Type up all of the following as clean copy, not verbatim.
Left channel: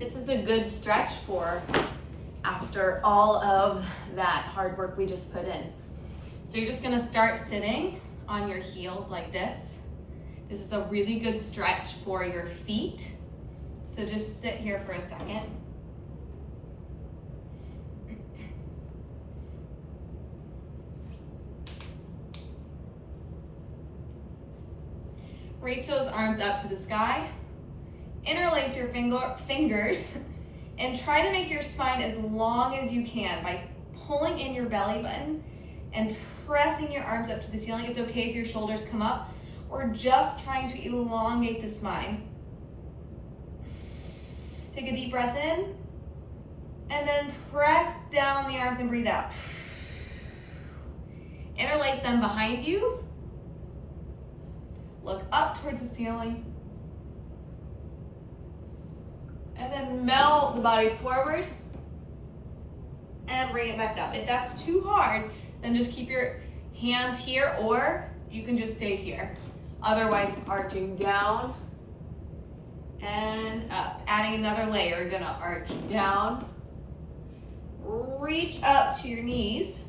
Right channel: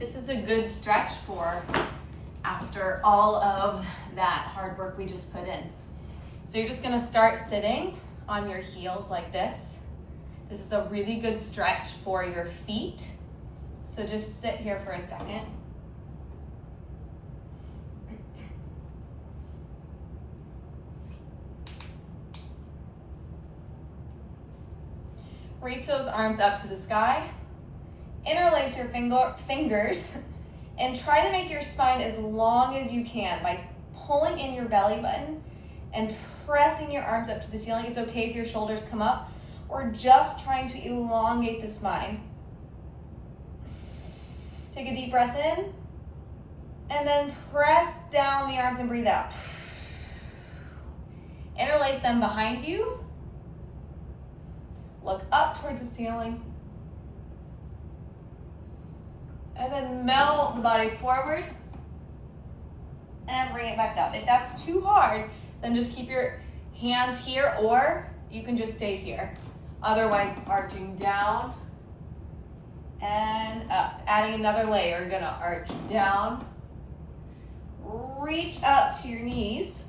This is a good stretch for after all of that hard work we just put in. So you're just gonna start sitting on your heels like this. This is a really good stretch for your feet. So just sit here for a second. Reach those arms up to the sky. Interlace your fingers and try to make your spine as long as you can by pulling in your belly button and pressing your arms up to the ceiling. It's okay if your shoulders come up. We're just trying to elongate the spine. Take a deep breath in and then press down the arms and breathe out. Interlace them behind you. Look up towards the ceiling. And then melt the body forward and bring it back up. If that's too hard, then just keep your hands here, or you can just stay here. Otherwise, arching down and up. Adding another layer, you're gonna arch down, reach up to your knees,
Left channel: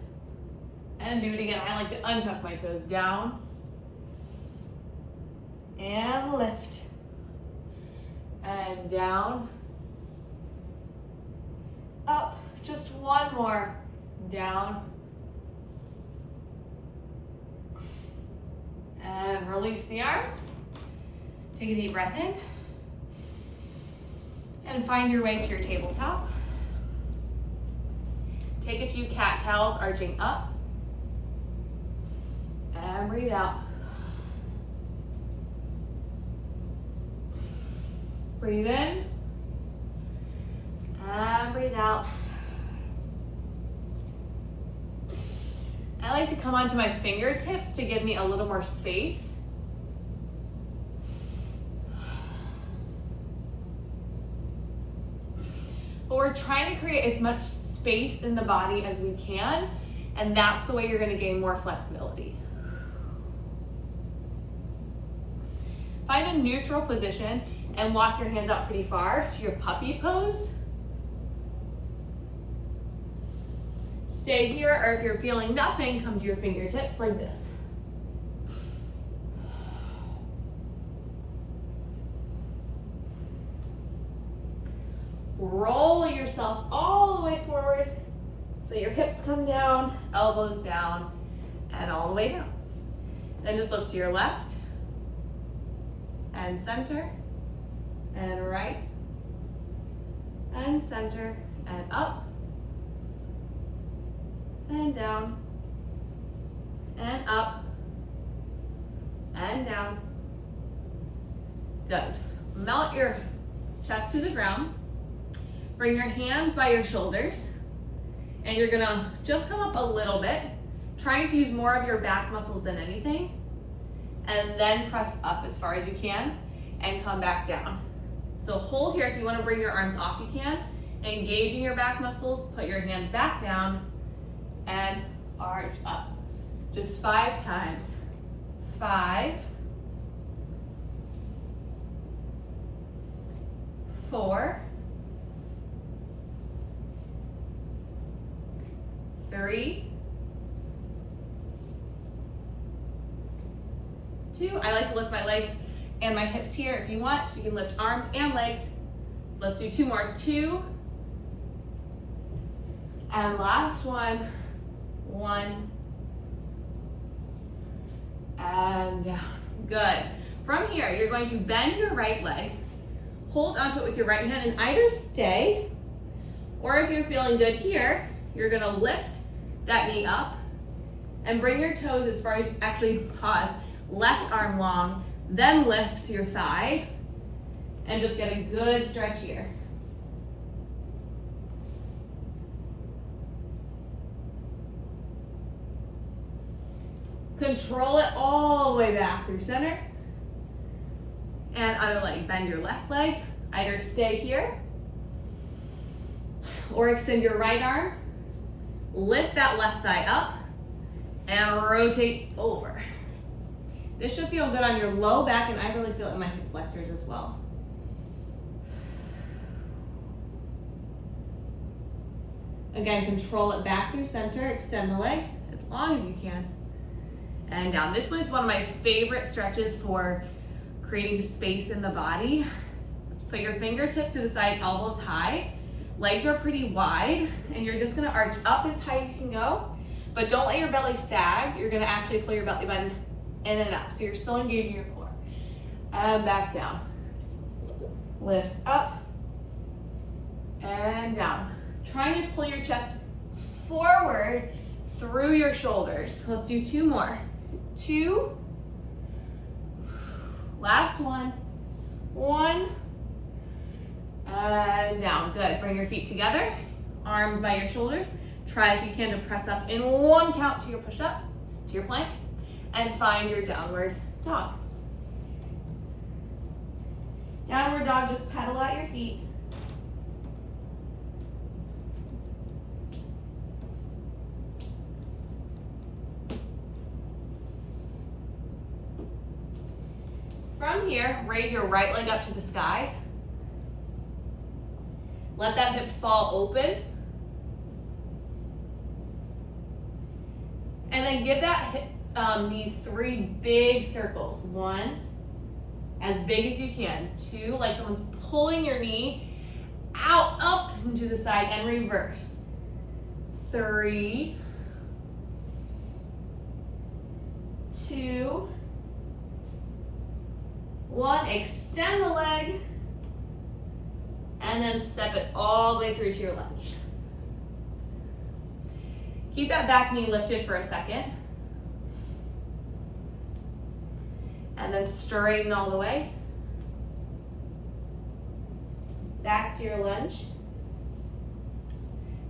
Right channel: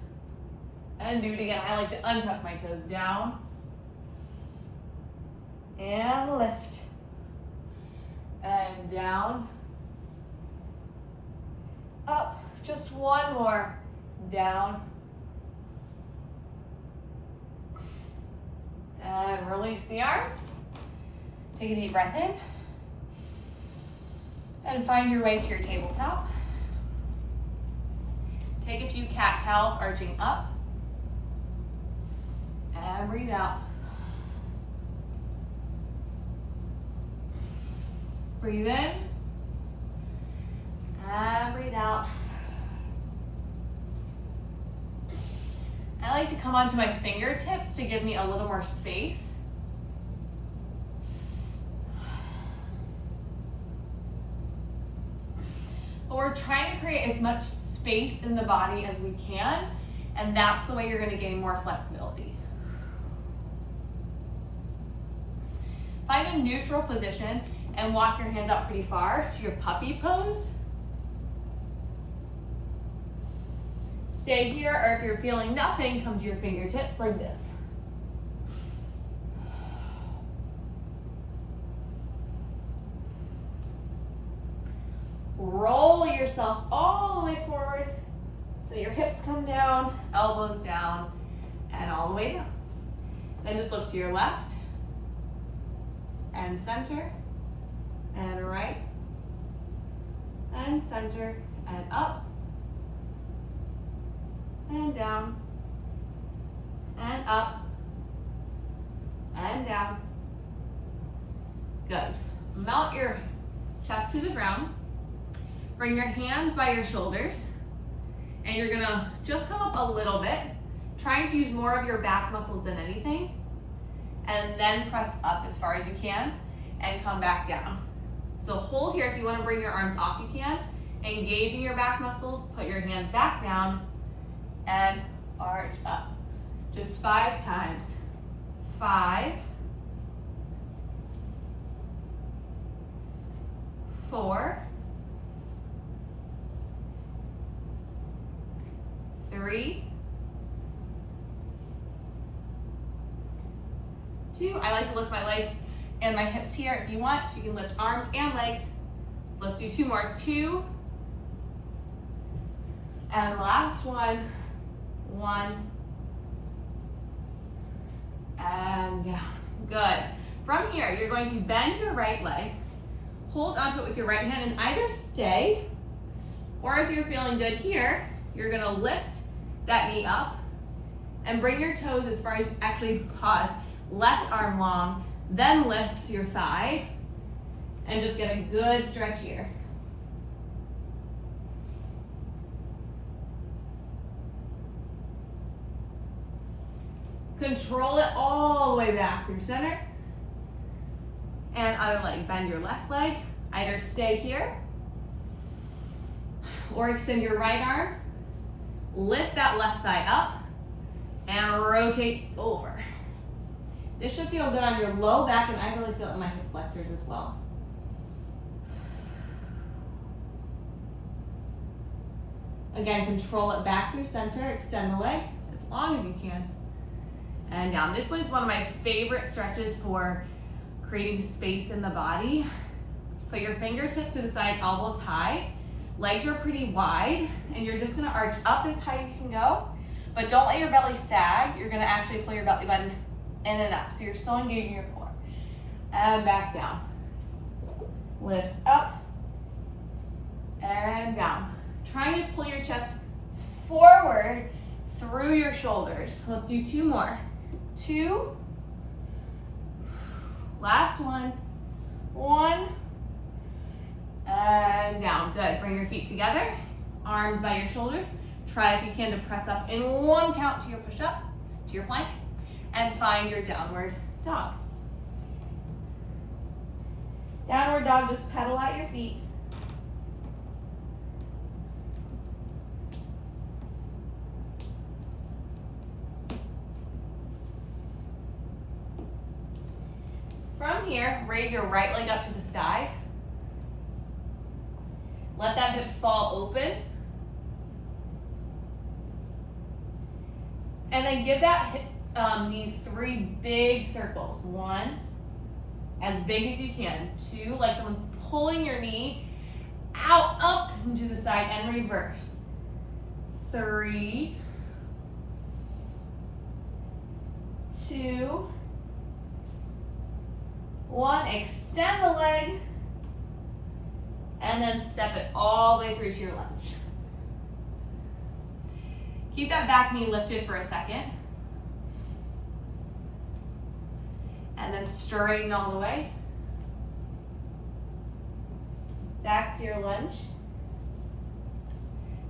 and do it again. I like to untuck my toes down and lift and down, up, just one more, down, and release the arms. Take a deep breath in, and find your way to your tabletop. Take a few cat-cows, arching up, and breathe out. Breathe in, and breathe out. I like to come onto my fingertips to give me a little more space. But we're trying to create as much space in the body as we can, and that's the way you're going to gain more flexibility. Find a neutral position and walk your hands out pretty far to your puppy pose. Stay here, or if you're feeling nothing, come to your fingertips like this. Roll yourself all the way forward so your hips come down, elbows down, and all the way down. Then just look to your left and center and right and center and up and down and up and down. Good. Melt your chest to the ground. Bring your hands by your shoulders, and you're gonna just come up a little bit, trying to use more of your back muscles than anything, and then press up as far as you can and come back down. So hold here. If you want to bring your arms off, you can. Engaging your back muscles, put your hands back down and arch up. Just 5 times. 5, 4, 3, 2. I like to lift my legs and my hips here. If you want, you can lift arms and legs. Let's do 2 more. 2. And last one. 1. And down. Good. From here, you're going to bend your right leg. Hold onto it with your right hand and either stay, or if you're feeling good here, you're gonna lift that knee up and bring your toes as far as you actually pause. Left arm long, then lift your thigh and just get a good stretch here. Control it all the way back through center. And other leg, bend your left leg. Either stay here or extend your right arm. Lift that left thigh up and rotate over. This should feel good on your low back, and I really feel it in my hip flexors as well. Again, control it back through center, extend the leg as long as you can. And down. This one is one of my favorite stretches for creating space in the body. Put your fingertips to the side, elbows high. Legs are pretty wide, and you're just gonna arch up as high as you can go, but don't let your belly sag. You're gonna actually pull your belly button in and up, so you're still engaging your core. And back down. Lift up and down. Trying to pull your chest forward through your shoulders. Let's do 2 more. 2. Last one. 1. And down. Good. Bring your feet together. Arms by your shoulders. Try if you can to press up in 1 count to your push-up, to your plank, and find your downward dog. Downward dog, just pedal out your feet. From here, raise your right leg up to the sky. Let that hip fall open. And then give that hip, these 3 big circles. 1, as big as you can. 2, like someone's pulling your knee out, up, and to the side, and reverse. 3, 2, 1. Extend the leg, and then step it all the way through to your lunge. Keep that back knee lifted for a second. And then straighten all the way. Back to your lunge.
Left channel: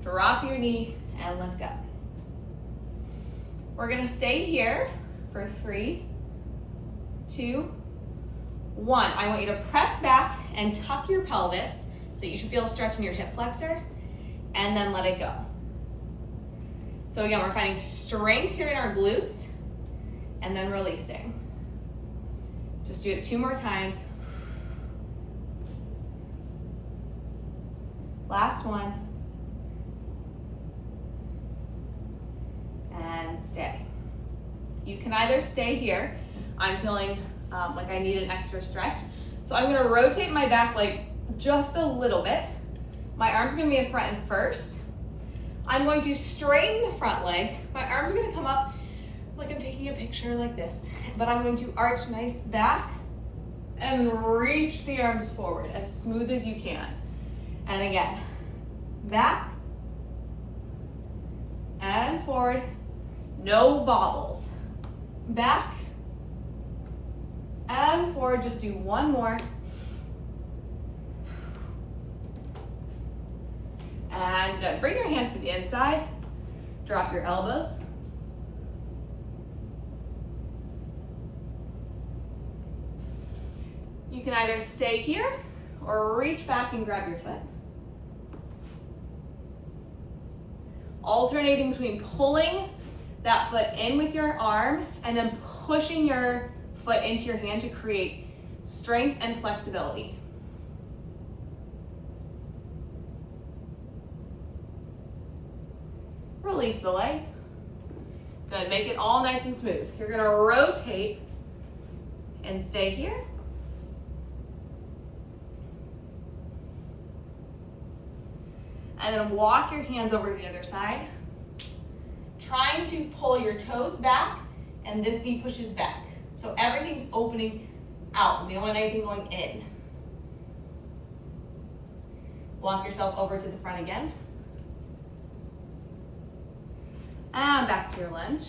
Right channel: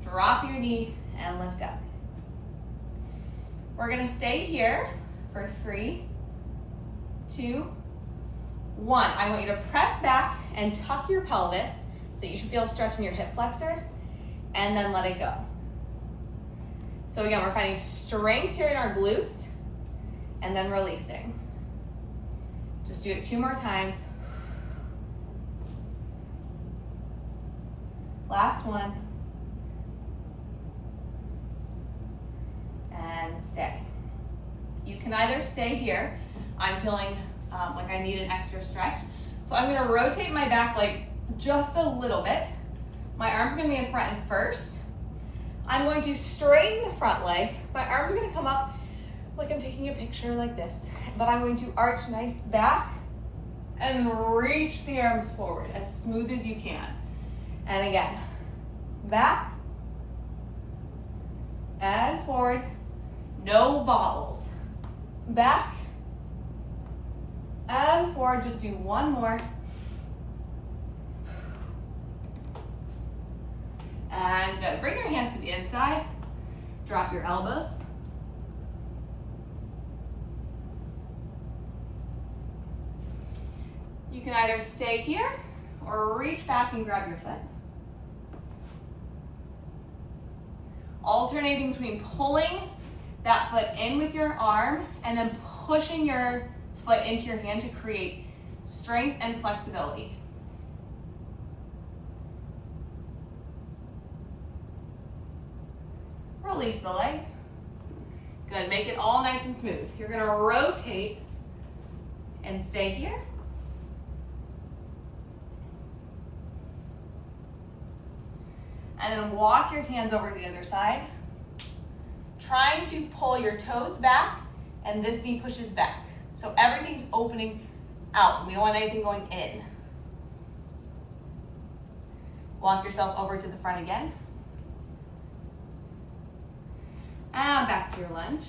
Drop your knee and lift up. We're gonna stay here for 3, 2, 1. I want you to press back and tuck your pelvis so you should feel a stretch in your hip flexor, and then let it go. So again, we're finding strength here in our glutes and then releasing. Just do it 2 more times. Last one. And stay. You can either stay here. I'm feeling like I need an extra stretch. So I'm gonna rotate my back leg just a little bit. My arm's gonna be in front and first. I'm going to straighten the front leg. My arms are gonna come up like I'm taking a picture like this, but I'm going to arch nice back and reach the arms forward as smooth as you can. And again, back and forward, no bobbles. Back and forward, just do 1 more. And good. Bring your hands to the inside. Drop your elbows. You can either stay here or reach back and grab your foot. Alternating between pulling that foot in with your arm and then pushing your foot into your hand to create strength and flexibility. Release the leg. Good, make it all nice and smooth. You're gonna rotate and stay here. And then walk your hands over to the other side. Trying to pull your toes back and this knee pushes back. So everything's opening out. We don't want anything going in. Walk yourself over to the front again. And back to your lunge.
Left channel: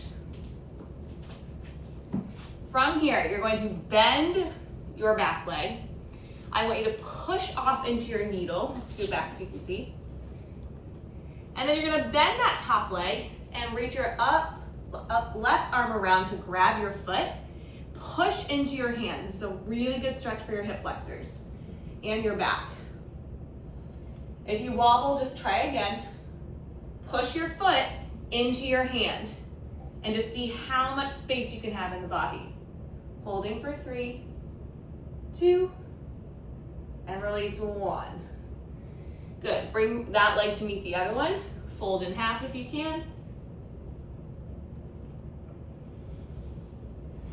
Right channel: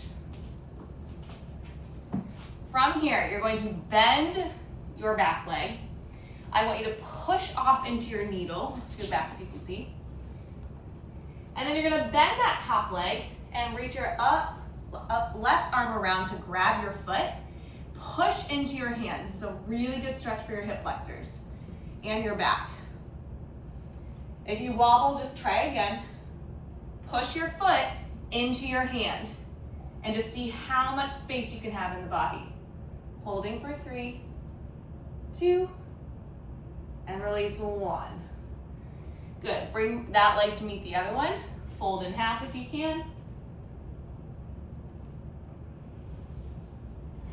From here, you're going to bend your back leg. I want you to push off into your needle. Scoot back so you can see. And then you're gonna bend that top leg and reach your up left arm around to grab your foot. Push into your hand. This is a really good stretch for your hip flexors and your back. If you wobble, just try again. Push your foot into your hand and just see how much space you can have in the body. Holding for 3, 2, and release 1. Good, bring that leg to meet the other one. fold in half if you can.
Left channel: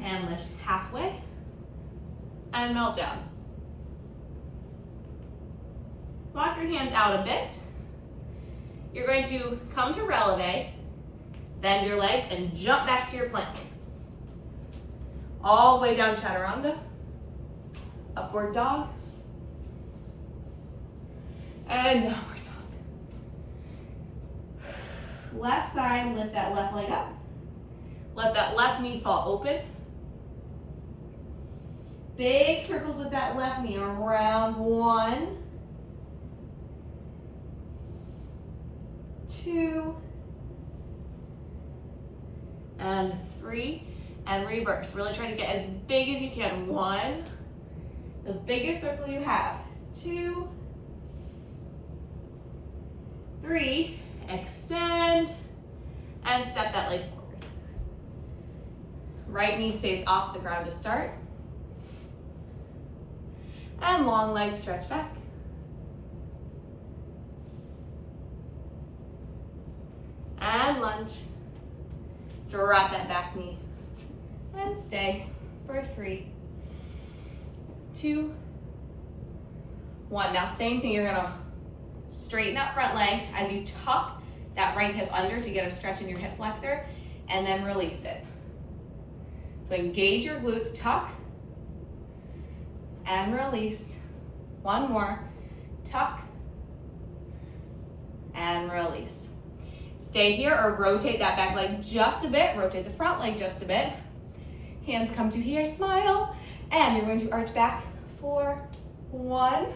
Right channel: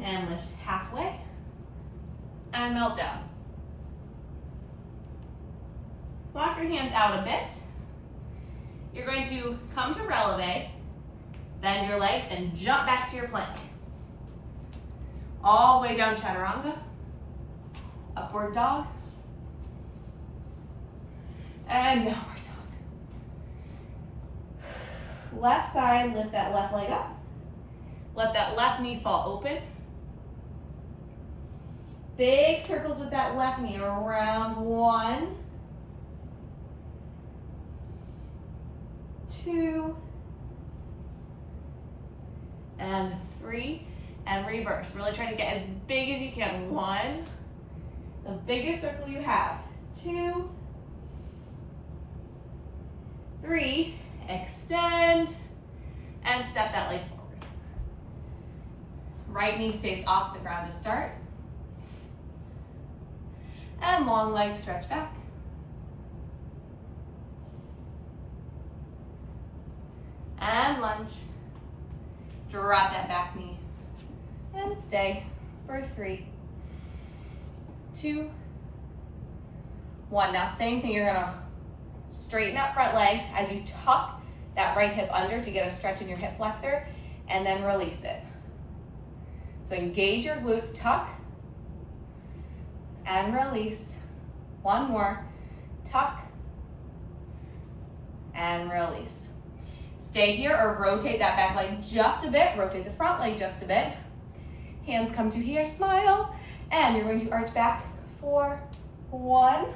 And lift halfway. And melt down. Walk your hands out a bit. You're going to come to releve, bend your legs, and jump back to your plank. All the way down chaturanga, upward dog, and downward dog. Left side, lift that left leg up. Let that left knee fall open. Big circles with that left knee around 1, 2, and 3, and reverse. Really try to get as big as you can. 1, the biggest circle you have. 2, 3, extend, and step that leg forward. Right knee stays off the ground to start. And long leg stretch back. And lunge. Drop that back knee. And stay for 3, 2, 1. Now same thing, you're gonna straighten that front leg as you tuck that right hip under to get a stretch in your hip flexor, and then release it. So engage your glutes, tuck, and release. 1 more, tuck, and release. Stay here or rotate that back leg just a bit, rotate the front leg just a bit. Hands come to here, smile, and you're going to arch back for 1,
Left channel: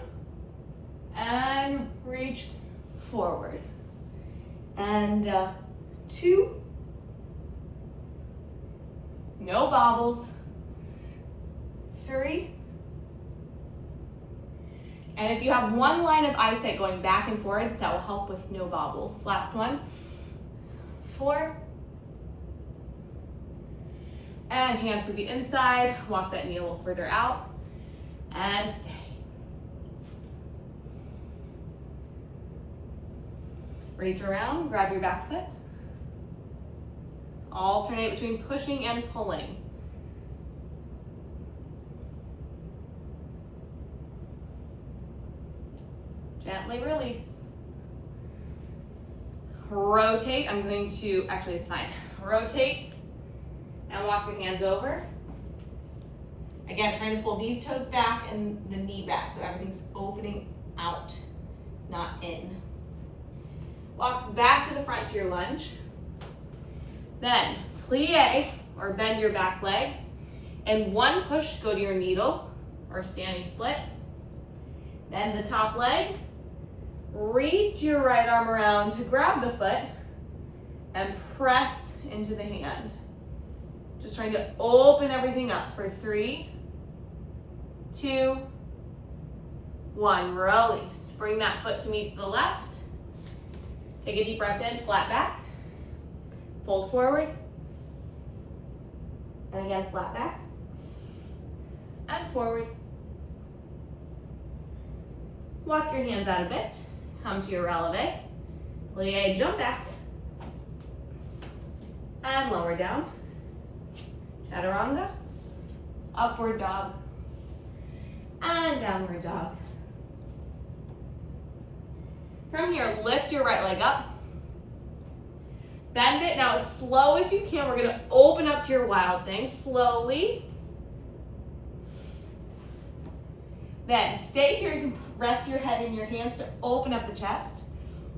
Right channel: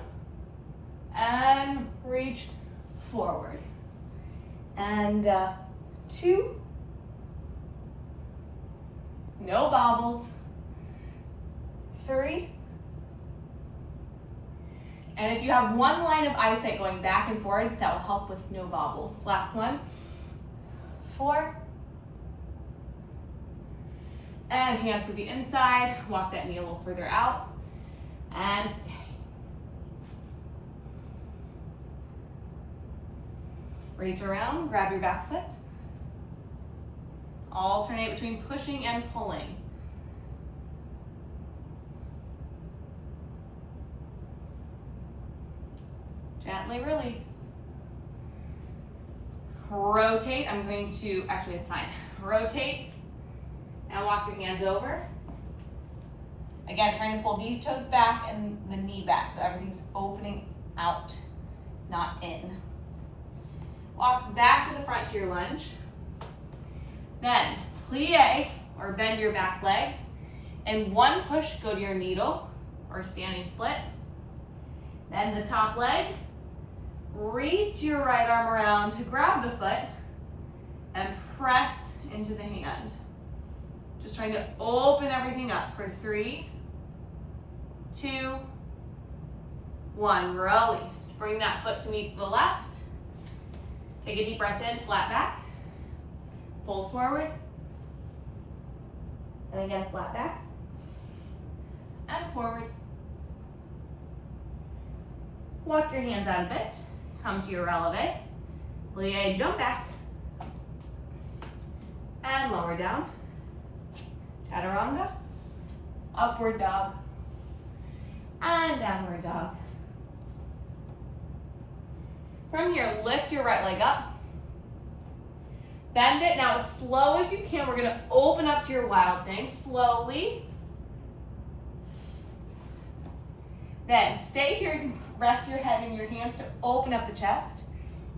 and reach forward. And 2, no bobbles, 3, and if you have one line of eyesight going back and forward, that will help with no bobbles. Last one, 4, and hands to the inside, walk that knee a little further out, and stay. Reach around, grab your back foot. Alternate between pushing and pulling. Gently release. Rotate, I'm going to, actually it's fine. Rotate and walk your hands over. Again, trying to pull these toes back and the knee back so everything's opening out, not in. Walk back to the front to your lunge. Then plie or bend your back leg. And 1 push, go to your needle or standing split. Then the top leg. Reach your right arm around to grab the foot and press into the hand. Just trying to open everything up for 3, 2, 1. Release. Bring that foot to meet the left. Take a deep breath in, flat back. Fold forward. And again, flat back. And forward. Walk your hands out a bit. Come to your releve. Plie, jump back. And lower down. Chaturanga. Upward dog. And downward dog. From here, lift your right leg up. Bend it. Now as slow as you can, we're going to open up to your wild thing slowly. Then stay here. You can rest your head in your hands to open up the chest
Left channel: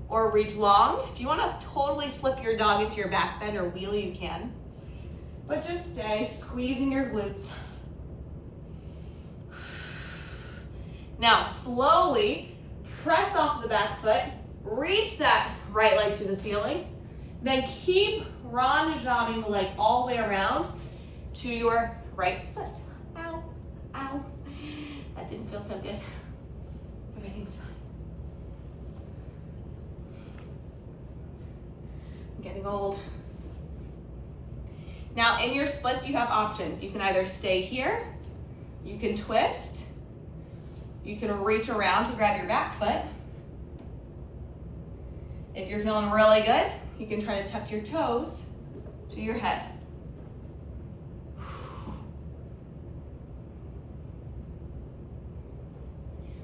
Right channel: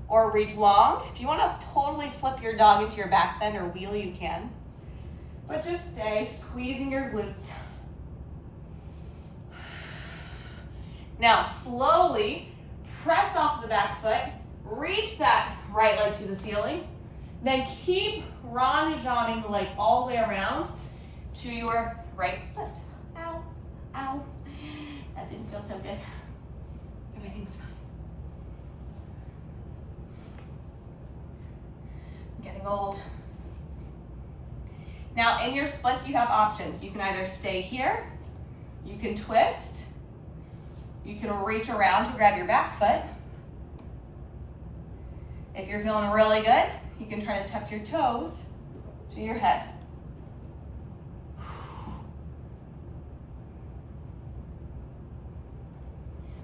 or reach long. If you want to totally flip your dog into your back bend or wheel, you can. But just stay squeezing your glutes. Now slowly press off the back foot, reach that right leg to the ceiling, then keep ranjhaning the leg all the way around to your right split. Ow, ow. That didn't feel so good. Everything's fine. I'm getting old. Now in your splits, you have options. You can either stay here, you can twist, you can reach around to grab your back foot, If you're feeling really good, you can try to tuck your toes to your head.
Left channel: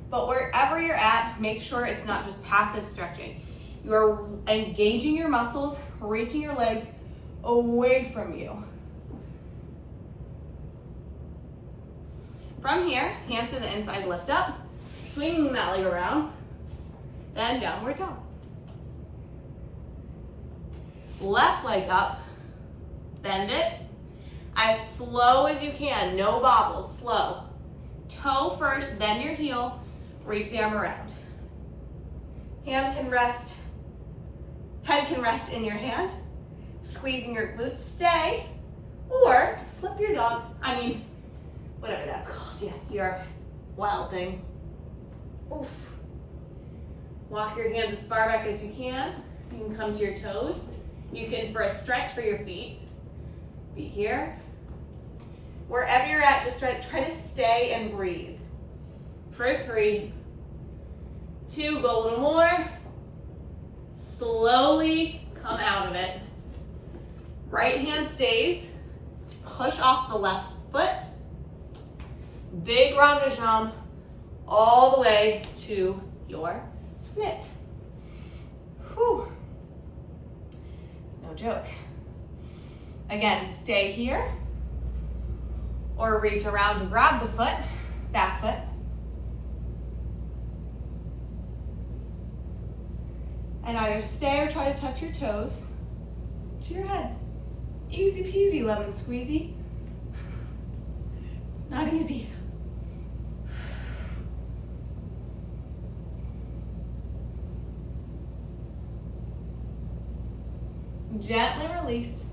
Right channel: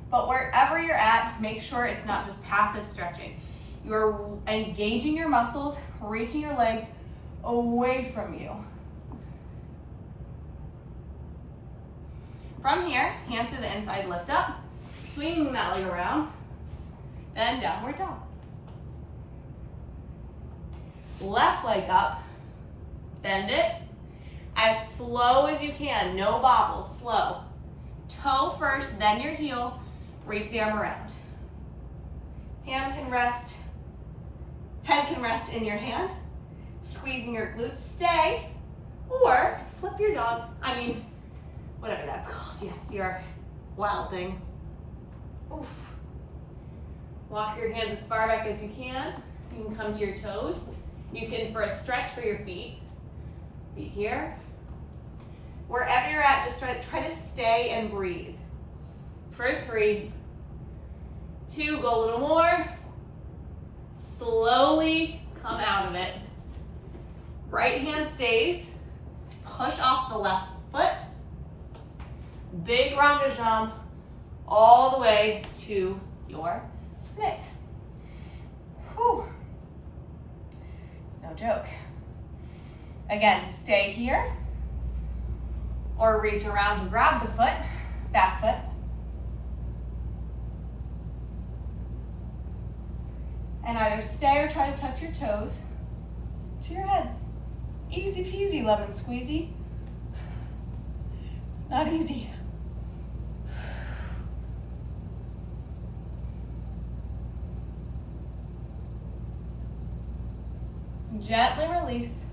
But wherever you're at, make sure it's not just passive stretching. You're engaging your muscles, reaching your legs away from you. From here, hands to the inside, lift up, swinging that leg around, then downward dog. Left leg up, bend it, as slow as you can, no bobbles, slow. Toe first, then your heel, reach the arm around. Hand can rest, head can rest in your hand, squeezing your glutes, stay, or flip your dog, whatever that's called, yes, your wild thing. Oof. Walk your hands as far back as you can. You can come to your toes. You can, for a stretch for your feet here. Wherever you're at, just try to stay and breathe. For 3, 2, go a little more. Slowly come out of it. Right hand stays. Push off the left foot. Big round de jambe all the way to your split. Whew. It's no joke. Again, stay here or reach around and grab the foot, back foot. And either stay or try to touch your toes to your head. Easy peasy, lemon squeezy. It's not easy. Gently release.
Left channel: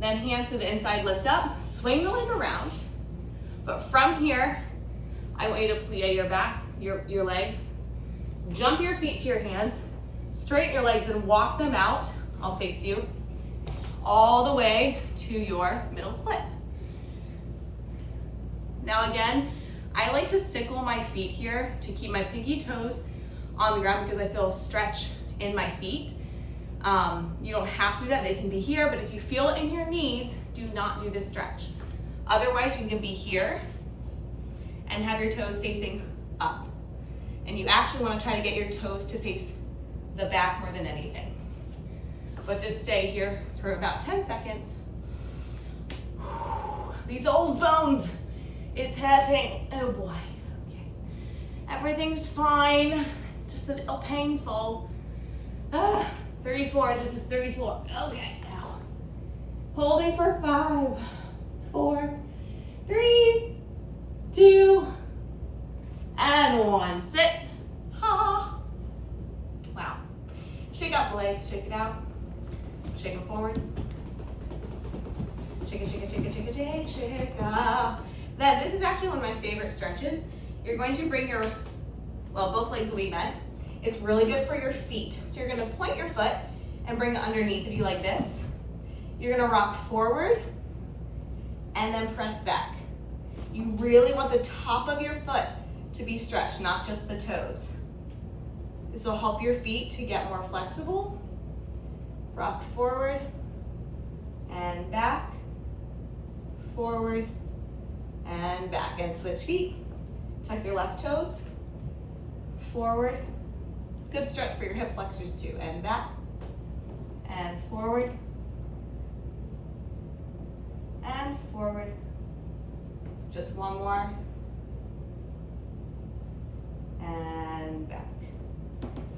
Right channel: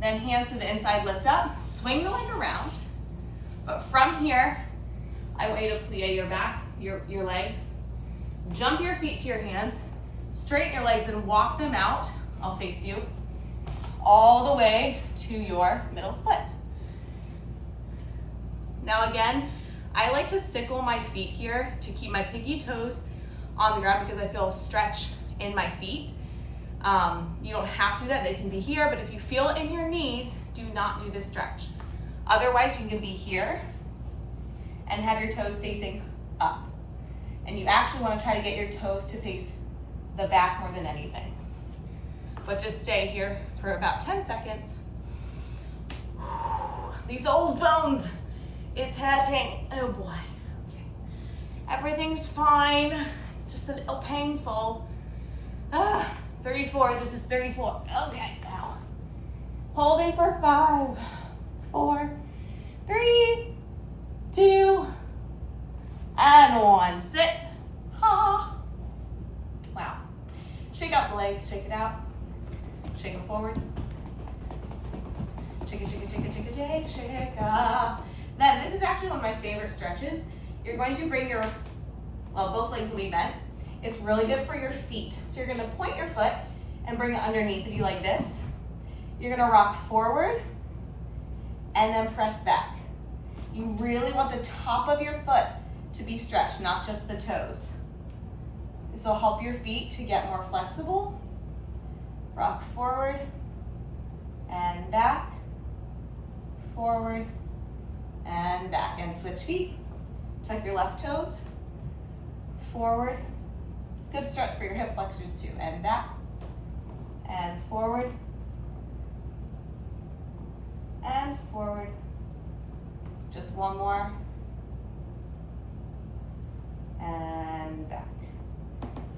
Then hands to the inside, lift up, swing the leg around. But from here, I want you to plie your back, your legs. Jump your feet to your hands, straighten your legs and walk them out. I'll face you. All the way to your middle split. Now again, I like to sickle my feet here to keep my pinky toes on the ground because I feel a stretch in my feet. You don't have to do that, they can be here, but if you feel it in your knees, do not do this stretch. Otherwise, you can be here and have your toes facing up. And you actually want to try to get your toes to face the back more than anything. But just stay here for about 10 seconds. These old bones, it's hurting. Oh boy. Okay. Everything's fine. It's just a little painful. 34, this is 34. Okay, now. Holding for 5, 4, 3, 2, and 1. Sit. Ha. Wow. Shake out the legs, shake it out. Shake them forward. Shake it, shake it, shake it, shake it, shake, shake. Then this is actually one of my favorite stretches. You're going to bring your, both legs will be bent. It's really good for your feet. So you're gonna point your foot and bring it underneath of you like this. You're gonna rock forward and then press back. You really want the top of your foot to be stretched, not just the toes. This will help your feet to get more flexible. Rock forward and back, forward and back. And switch feet. Tuck your left toes, forward. It's good stretch for your hip flexors too. And back, and forward, and forward. Just one more. And back.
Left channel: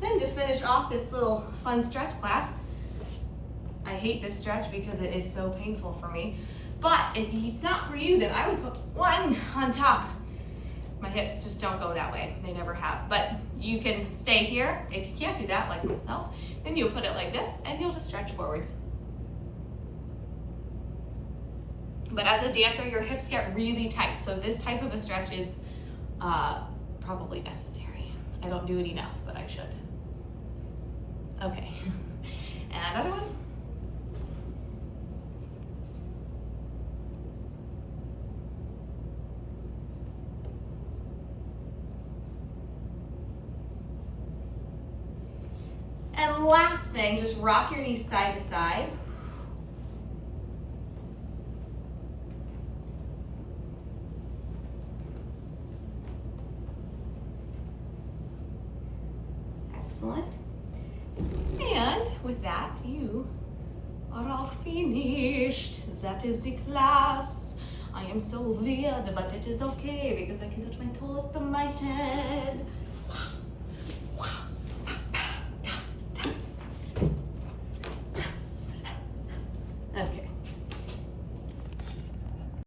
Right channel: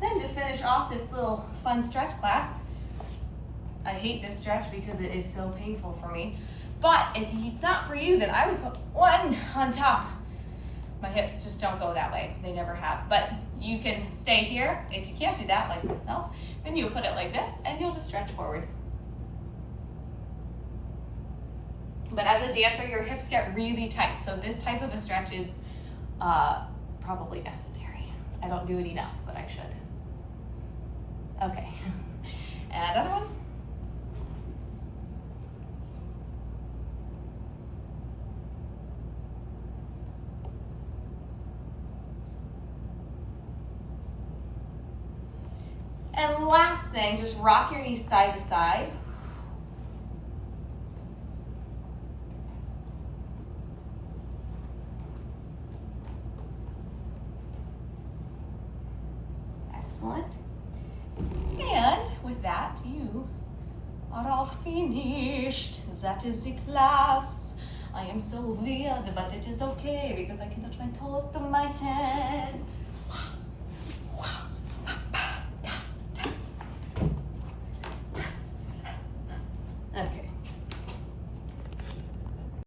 Then to finish off this little fun stretch class, I hate this stretch because it is so painful for me. But if it's not for you, then I would put one on top. My hips just don't go that way. They never have. But you can stay here. If you can't do that, like myself, then you'll put it like this and you'll just stretch forward. But as a dancer, your hips get really tight. So this type of a stretch is probably necessary. I don't do it enough, but I should. Okay. And another one. And last thing, just rock your knees side to side. Excellent. And with that, you are all finished. That is the class. I am so weird, but it is okay because I can touch my toes to my hands.